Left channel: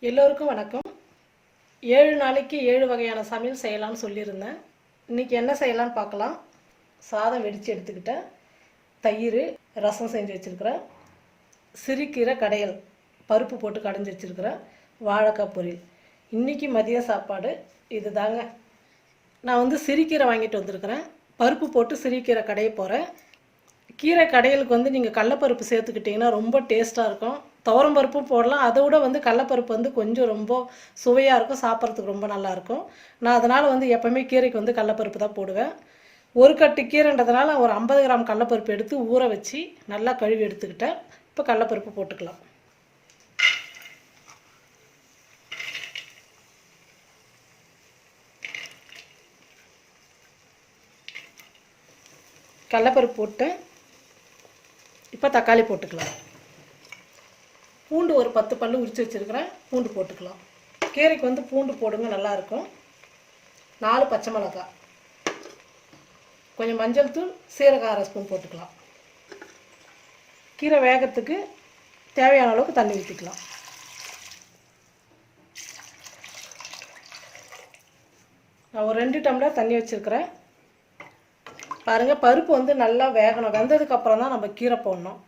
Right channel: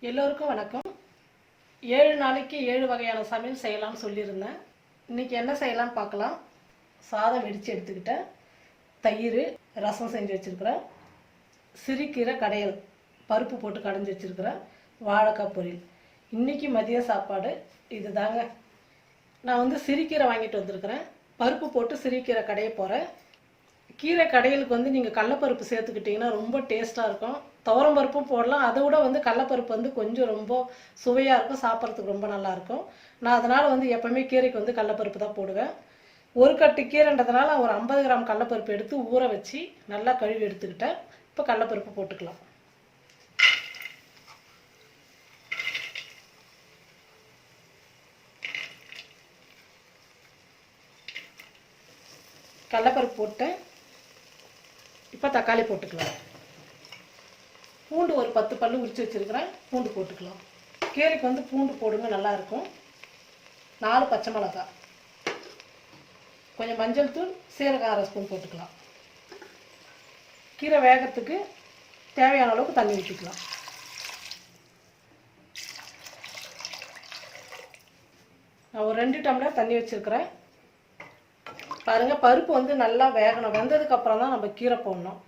எல்லோருக்கும் வணக்கம். ஏழு நாளைக்கு ஏழு வகையான சமையல் செய்யலாம்னு சொல்லியிருந்தேன். இன்றைக்கி என்ன செய்யலாம்னு பார்க்கலாம். சாதம் வெடித்து எடுத்துக்கிட்டேன். தயிர் ரசம் செஞ்சு வச்சுருக்கிறேன். சிறுக்கீரை கடையல் பருப்பு போட்டு கடைஞ்சி வச்சுருக்கிறேன். வாழைக்காய் பொரியல். இன்றைக்கி மதிய சாப்பாடு இது தாங்க நான் வந்து சிறுக்கீரை வாங்கிட்டு வந்திருக்கிறேன். பருப்பு போட்டு சிறுக்கீரை கடைய போகிறேன் கீரை கடையலுக்கு வந்து நீங்கள் கடலப்பருப்பு சேர்த்துக்கிட்டிங்கன்னா ரொம்ப டேஸ்ட்டாக இருக்கும். துவரம் பருப்பும் போடலாம். அதை விட வந்து கடலப்பருப்பு வந்து கொஞ்சம் ரொம்ப சுவையாக இருக்கும். சாப்பிட்றதுக்கு ரொம்ப நல்லாயிருக்கும் நான் அதனால் வந்து எப்போவுமே கீரைக்கு வந்து கடலப்பருப்பு தான் போடுவேன். ஒரு கட்டு கீரைன்றதுனால ஒரு ஐம்பது கிராம் கடலப்பருப்பு எடுத்து ஊற வச்சு நல்லா கழுவி எடுத்துக்கிட்டேன். இப்போ கடலப்பருப்பு போட்டுக்கலாம். கடலப்பருப்பு போட்டு இப்போ தக்காளி போட்டுக்கலாம். பூண்டு ஒரு பத்து பல்லு உரித்து வச்சுருக்கிறேன். பூண்டு போட்டுக்கலாம். கீரைக்கு வந்து பூண்டு போடுங்க நல்லாயிருக்கும். நாலு பச்சை மிளகா கொஞ்சம் மஞ்சள் தூள் சீரகம் அரை ஸ்பூன் போட்டுக்கலாம். கீரை வேகத்துக்கு தேவையான அளவுக்கு தண்ணி ஊற்றிக்கலாம் நான் ஒரு ரெண்டு டம்ளர் தண்ணி வச்சுருக்கிறேன். பாருங்கள் பருப்பு வந்து நல்லா வேகணும். வெந்ததுக்கு அப்புறம் தான் நம்ம கீரை போடணும்.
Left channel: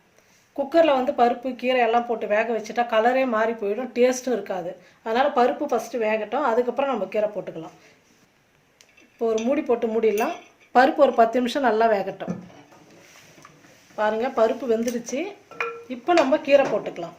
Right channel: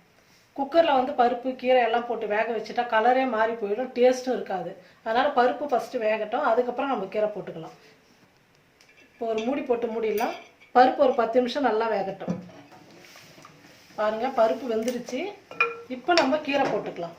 குக்கரில் வந்து பருப்பு கீரை எல்லாம் போட்டு வேக வச்சுட்டா கலரே மாறி போயிடும். டேஸ்ட்டும் இருக்காது. அதனால் பருப்பு ஃபஸ்ட்டு வேகட்டும். அதுக்கப்புறம் நம்ம கீரை போட்டுக்கலாம். இப்போ ஒரு மூடி போட்டு மூடிடலாம். பருப்பு ஒரு பத்து நிமிஷம் நல்லா வேகட்டும். பாருங்கள் பருப்பு வெந்துருச்சு இப்போ நம்ம கீரை போட்டுக்கலாம்.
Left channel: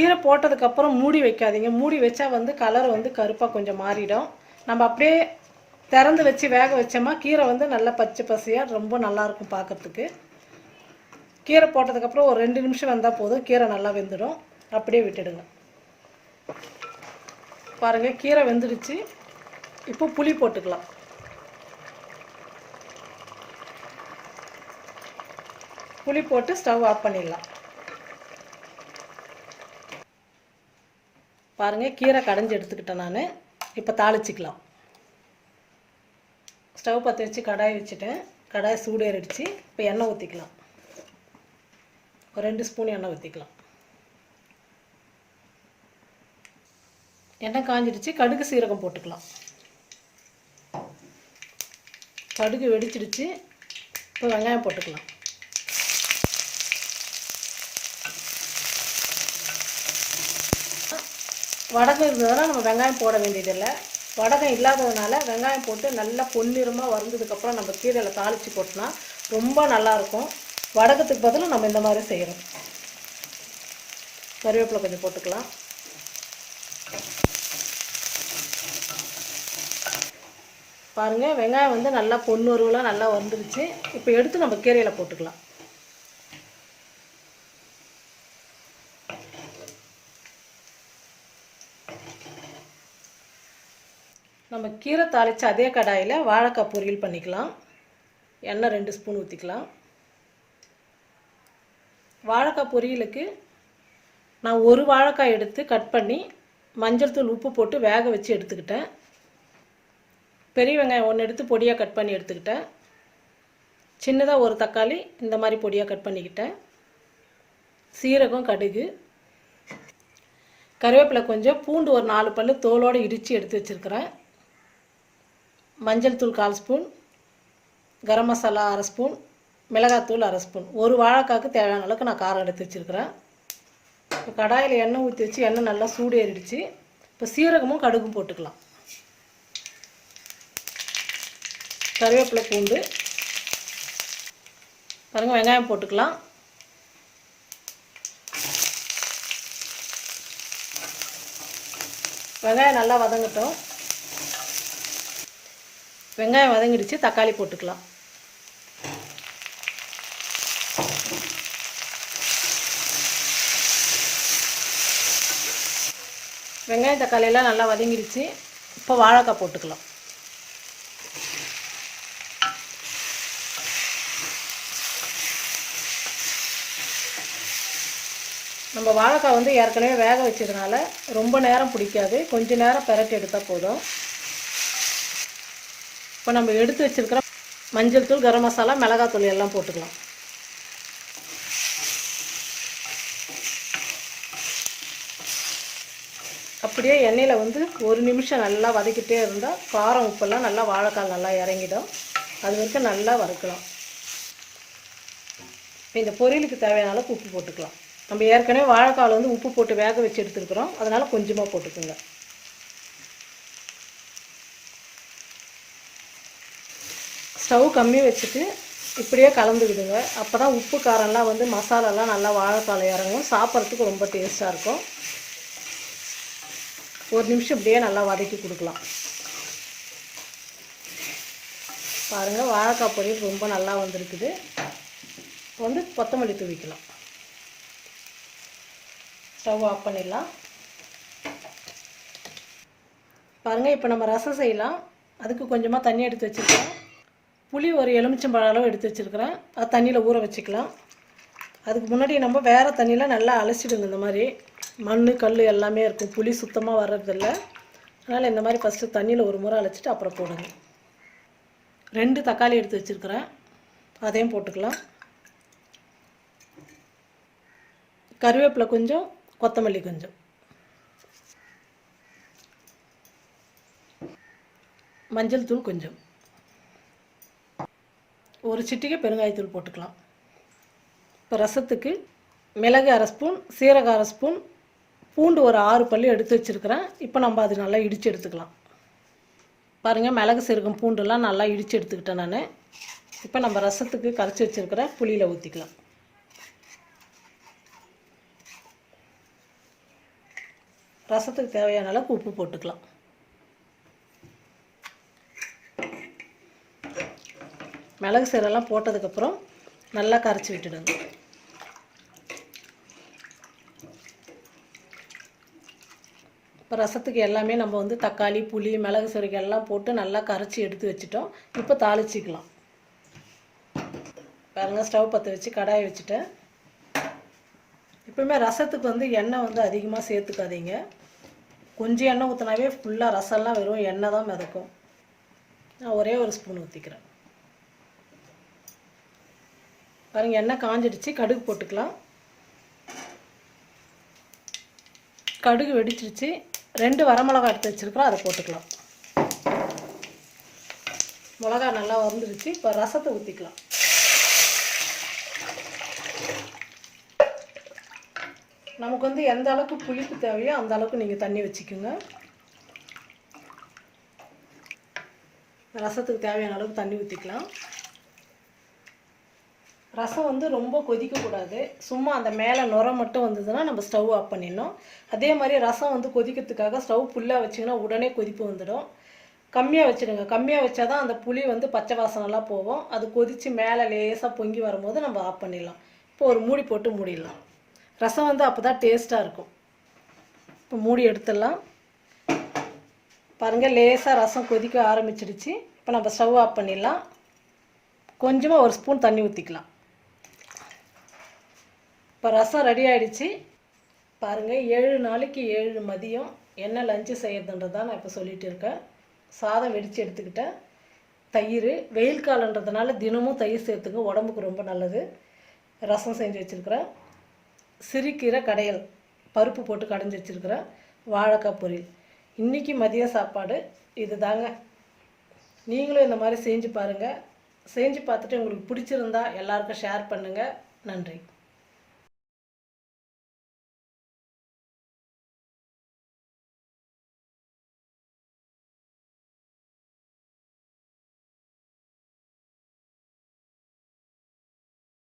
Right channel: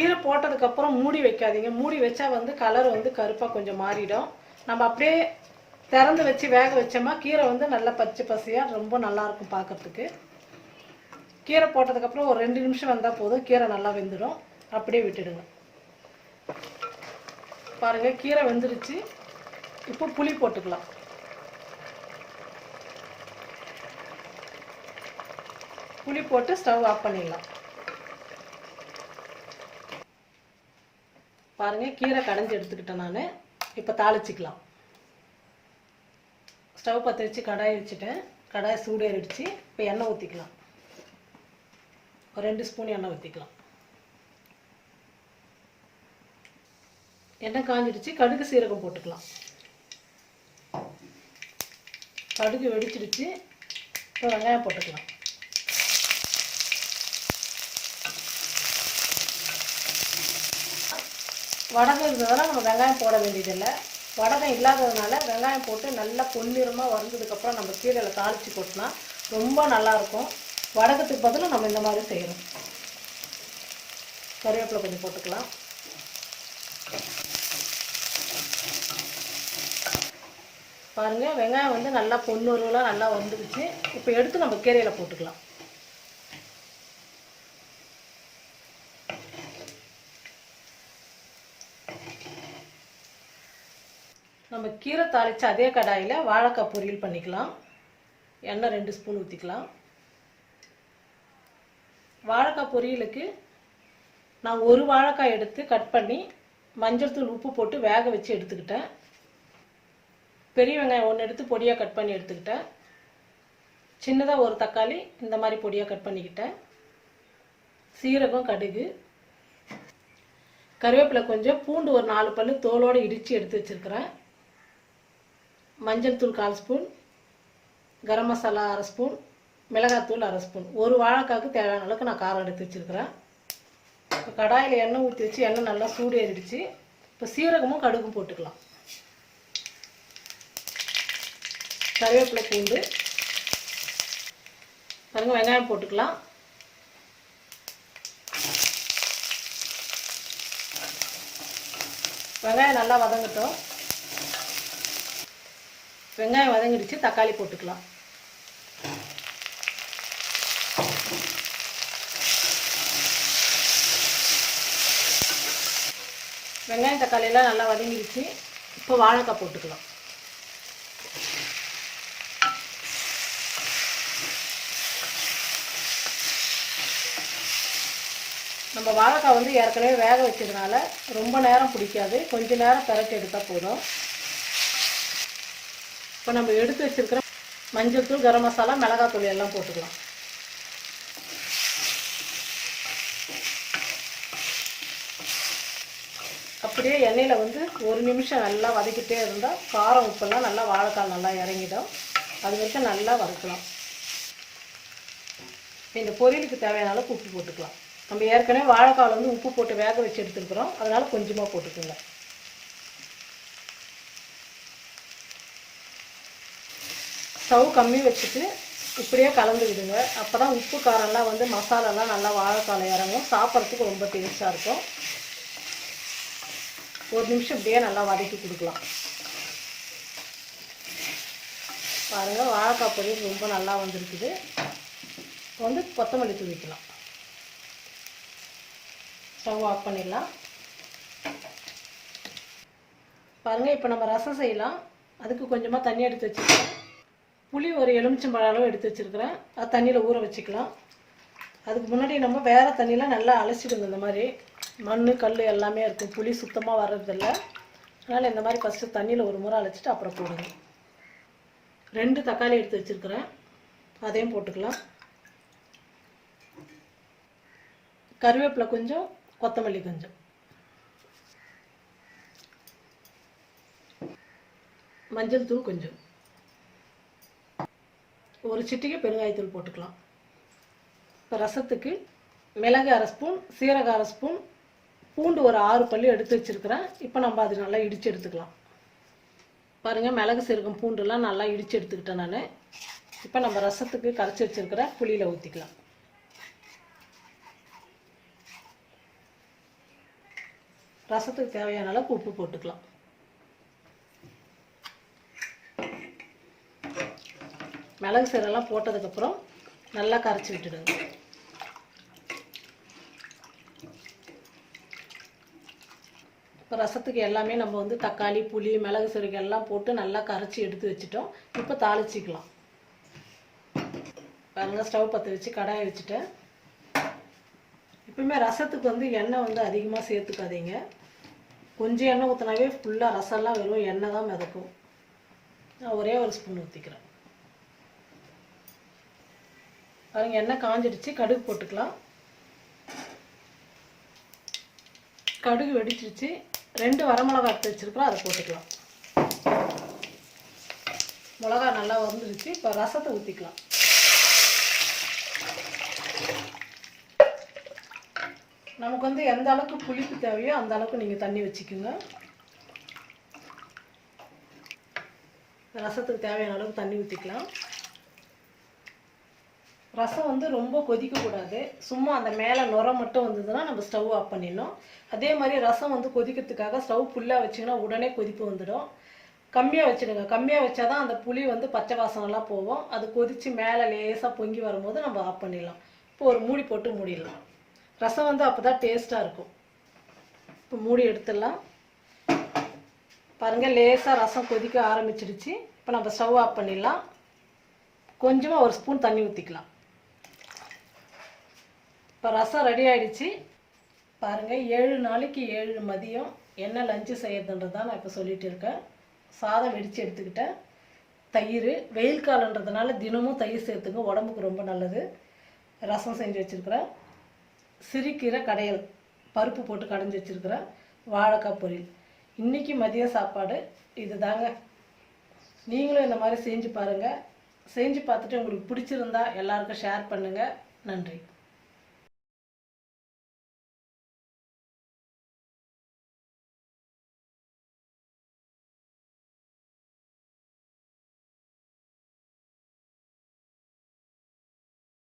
கீரை போட்டதுக்கப்புறம் மூடி வைக்காதீங்க. மூடி வச்சா வந்து கலர் வந்து கருப்பாக கொஞ்சம் மாறிடும். நம்ம அப்படியே திறந்து வச்சு வேக வச்சோமா கீரை வந்து நல்லா பச்சை பசியாக ரொம்ப நல்லாயிருக்கும் பார்க்கறதுக்கு. கீரை போட்டதுக்கப்புறம் ஒரு ரெண்டு நிமிஷம் வந்தால் போதும். கீரை நல்லா வெந்துடும். அப்படியே விட்டுடுங்க. பாருங்கள் கீரை வெந்துடுச்சு. இப்போ புளி போட்டுக்கலாம். புளி போட்டு ஸ்டவ் ஆஃப் பண்ணிடலாம். பாருங்கள் கீரை கடைஞ்சி எடுத்துக்கிட்டேன் நான். இப்போ தாளிச்சிக்கலாம். ஸ்டவ் பற்ற வச்சு கடாய் வச்சுட்டேன். கடாய் சூடேறிடுச்சு. இப்போ எண்ணெய் ஊற்றிக்கலாம் ஒரு ரெண்டு ஸ்பூன் எண்ணெய் ஊற்றிக்கலாம் எண்ணெய் காஞ்சிடுச்சு. கடுகு சீரகம் போட்டுக்கலாம். கடுகு வெடிச்சிடுச்சு. இப்போ வெங்காயம் போட்டுக்கலாம். வடகம் இருந்ததுனால நம்ம வெங்காயம் போட வேண்டியதில்லை. வடகம் இல்லாததுனால வெங்காயம் போட்டு நல்லா பொன்னிறமாக வறந்ததுக்கப்புறம் நம்ம கீரையில் தாளித்து போட்டோம்னா ரொம்ப நல்லாயிருக்கும் வடகத்துக்கு பதிலும் நம்ம இந்த மாதிரி செய்யணும். கருவேப்பிலை கொஞ்சம் போட்டுக்கலாம். பாருங்கள் வெங்காயம் வந்து நல்லா பொன்னுருவலாக நல்லா வந்துடுச்சு இப்போ எடுத்து நம்ம கீரையில் போட்டுக்கலாம். நம்ம கீரை தாளித்து அதே கடாயில் வாழைக்காய் பொரியல் பண்ணிக்கலாம். எண்ணெய் ரெண்டு ஸ்பூன் ஊற்றிக்கலாம் வாழைக்காய் பொரியலுக்கு நான் ஒரு வாழைக்காய் எடுத்து கட் பண்ணி மஞ்சள் தூள் உப்பு போட்டு வேக வச்சு எடுத்துக்கிட்டேன். பெரிய வெங்காயம் ஒன்று எடுத்து பொடியாக கட் பண்ணி எடுத்துக்கிட்டேன். சின்னதாக ஒரு தக்காளி இந்த மாதிரி பொடியாக கட் பண்ணிக்கிட்டேன். சீரகம் கடுகு கருவேப்பிலை கொஞ்சம் பூண்டு ஒரு நாலு பல்லு தோலோடு இடித்து எடுத்து வச்சுருக்கிறேன். மஞ்சள் தூள் கால் ஸ்பூன் கரம் மசாலா அரை ஸ்பூன் மிளகாத்தூள் அரை ஸ்பூன். ஒரு வாழைக்காய்க்கு தேவையான அளவுக்கு நான் காரம் எடுத்து வச்சுருக்கிறேன். இப்போ கடாயில் எண்ணெய் ஊற்றி வச்சு எண்ணெய் நல்லா சூடு ஏறிடுச்சு இப்போ சீரகமும் கடுகும் போட்டுக்கலாம். கருவேப்பிலை பூண்டு பாருங்கள் வெங்காயம் போட்டுக்கலாம். வெங்காயம் நல்லா வதங்கட்டும். வெங்காயம் வதங்கிடுச்சு தக்காளி போட்டுக்கலாம். வெங்காயம் தக்காளியெல்லாம் நல்லா வதங்கிடுச்சு. இப்போ வாழைக்காய் போட்டுக்கலாம். நம்ம வாழைக்காய் வந்து ஏற்கனவே வேக வச்சதுனால ரொம்ப நேரம் பிடிக்காது. கொஞ்சம் நேரம் பெரட்டி எடுத்தால் போதும். இப்போ நம்ம எடுத்து வச்சுருக்கிற மஞ்சள் தூள் கரம் மசாலா மிளகாய் தூள் எல்லாம் போட்டுக்கலாம். அப்படியே எண்ணெயில் வந்து ஒரு நிமிஷம் நல்லா வதக்கிட்டே இருந்தால் காரம் உப்பெல்லாம் நல்லா வாழைக்கால் நல்லா இறங்கிடும். அது வரைக்கும் நல்லா வறுக்கலாம். இந்த பொரியலுக்கு தேவையான அளவுக்கு உப்பு போட்டுக்கலாம். நம்ம ஏற்கனவே வாழைக்காவில் வந்து உப்பு போட்டு வேக வச்சு எடுத்துருக்குறோம். அதனால் கொஞ்சமாக போட்டுக்கோங்க. ஸ்டவ் கம்மி வச்சுட்டு இப்படியே கலந்து விடுங்க அப்போ தான் உப்பு காரம்லாம் வந்து மசாலாலாம் நல்லா வாழைக்காலை இறங்கும். சாப்பிட்றதுக்கு ரொம்ப டேஸ்ட்டாக இருக்கும். ஒரு நிமிஷம் இப்படியே நல்லா வதக்கி கொடுக்கலாம். பாருங்கள் வாழைக்காய் பொரியல் ரொம்ப நல்லா வந்திருக்குது. வந்து கொத்தமல்லி தூவிக்கலாம். ஸ்டவ் ஆஃப் பண்ணிடலாம். பாருங்கள் இப்போ நம்ம ரசம் செய்யலாம். அதுக்கு கொஞ்சமாக தண்ணி எடுத்து வச்சுக்கலாம். புளி ஒரு எலுமிச்சம்பழம் அளவு எடுத்து வச்சுருக்கிறேன். அது தண்ணியில் ஊற வச்சுக்கலாம். அதுக்கு முன்னாடி நம்ம வேறு தண்ணியில் நல்லா அலசிடுங்க இந்த மாதிரி மண் கல் எல்லாமே இருக்கும். புளி சுத்தமாக வர்றதில்ல. அதனால் இந்த மாதிரி ஃபஸ்ட்டு தண்ணியில் ஒரு முறை அழைச்சிட்டு அப்புறம் போடுங்க. ரெண்டு தக்காளி எடுத்து வச்சுருக்கிறேன். அதையும் போட்டுக்கலாம். கருவேப்பிலை கொஞ்சம் கொத்தமல்லி கொஞ்சம். மஞ்சள் தூள் கொஞ்சம். ஒரு சிட்டிகை பெருங்காயத்தூள் போட்டுக்கலாம். இப்போ ரசத்துக்கு மிளகு அரை ஸ்பூன் சீரகம் அரை ஸ்பூன் பூண்டு ஒரு ஆறு பல்லு எடுத்து வச்சுருக்கிறேன். இப்போ நம்ம அது நல்லா இடித்து எடுத்துக்கலாம். பாருங்கள் மிளகு சீரகம் பூண்டுலாம் நல்லா இடித்து எடுத்துக்கிட்டேன் நான். இப்போ நம்ம ரசத்துக்கு கரைச்சி வச்சுருக்கிற புளியில் ஊற்றிக்கலாம் ரசத்துக்கு தேவையான அளவுக்கு உப்பு போட்டுக்கலாம். மிளகு சீரெல்லாம் போட்டதுக்கப்புறம் நல்லா கரைச்சி விட்டுடுங்க. இப்போ ரசத்துக்கு எல்லாமே நம்ம வந்து தக்காளி புளி மிளகு சீரக எல்லாம் போட்டு நல்லா கரைச்சி எடுத்து வச்சுட்டோம். இப்போ தாளிச்சிக்கலாம். பாருங்கள் ஸ்டவ் பற்ற வச்சு கடாயை வச்சுட்டேன். எப்பவுமே ரசத்துக்கு வந்து எண்ணெய் வந்து அதிகமாக சேர்த்துக்காதீங்க. கொஞ்சம் எண்ணெய் ஊற்றினாவே ஃபுல்லாக ரசம்லாம் வெறும் எண்ணெய் தான் மிதக்கும். நான் ஒரே ஒரு ஸ்பூன் ஊற்றிக்கிறேன் பாருங்க எண்ணெய் காஞ்சிடுச்சு. கடுகு போட்டுக்கலாம். கடுகு வெடிச்சிருச்சு. ரெண்டு வரமிளகா எடுத்து வச்சுருக்கிறோம் அதை போட்டுக்கலாம். மிளகா நல்லா வந்துருச்சு இப்போ ரசத்தை ஊற்றிக்கலாம் நமக்கு வந்து எந்த அளவுக்கு புளிப்பு தேவையோ அந்த அளவுக்கு நீங்கள் தண்ணி வச்சுக்கோங்க. ரசத்துக்கு தேவையான அளவுக்கு தண்ணி ஊற்றிக்கலாம் ரசம் வந்து ரொம்ப கொதிக்கக்கூடாது. சும்மா அந்த மேலே நுர மட்டும் வந்ததுன்னா நம்ம ஸ்டவ் ஆஃப் பண்ணிடணும். அதே மாதிரி ரசம் வந்து கொதிக்கிறதுக்காக ஸ்டவ் ஃபுல்லாக வச்சிங்கன்னா உடனே கொதிப்பு வந்துடும். கம்மியாக வச்சுடுங்க. கம்மியாக வச்சா தான் அந்த புளி வந்து பச்சை வாசனெல்லாம் போகும். அது கொதித்து மேலே லேசாக பொங்கி வரும்போது நம்ம ஆஃப் பண்ணிடலாம். இப்போ ஒரு மூடி போட்டு மூடிடலாம். ரசம் வந்து அப்போ தான் டேஸ்ட்டாக இருக்கும். இப்போ மூடி எடுத்துடலாம். பாருங்கள் லேசாக ரசம் கொதிக்க ஆரம்பிச்சிடுச்சு. இப்போ நம்ம ஸ்டவ் ஆஃப் பண்ணிடலாம். கொஞ்சமாக ஒரு ஸ்பூன் தண்ணி ஊற்றிக்கலாம் இப்போ ரசம் ரெடி ஆகிடுச்சு பாருங்கள் ஏழு நாளைக்கு ஏழு மதியம் என்ன லஞ்சு செய்யறதுன்றது தான் நான் இப்போ சொல்லிகிட்டு இருக்கேன். சாதம் வெடித்து எடுத்துக்கிட்டேன். தயிர் வெயில் காலன்றதுனால தினமும் தயிர் சேர்த்துங்க உடம்புக்கு ரொம்ப நல்லது. ரசம் செஞ்சு வச்சுருக்கிறேன். சிறுக்கீரை கடையல் பருப்பு போட்டு கடைஞ்சி வச்சுருக்கிறேன். வாழைக்காய் பொரியல். இன்றைக்கி மதிய சாப்பாடு இது தாங்க நீங்களும் இந்த மாதிரி செஞ்சு பாருங்கள் செஞ்சு பார்த்துட்டு உங்களுக்கு பிடிச்சிருந்தா எல்லாருக்கும் ஷேர் பண்ணுங்கள் நன்றி.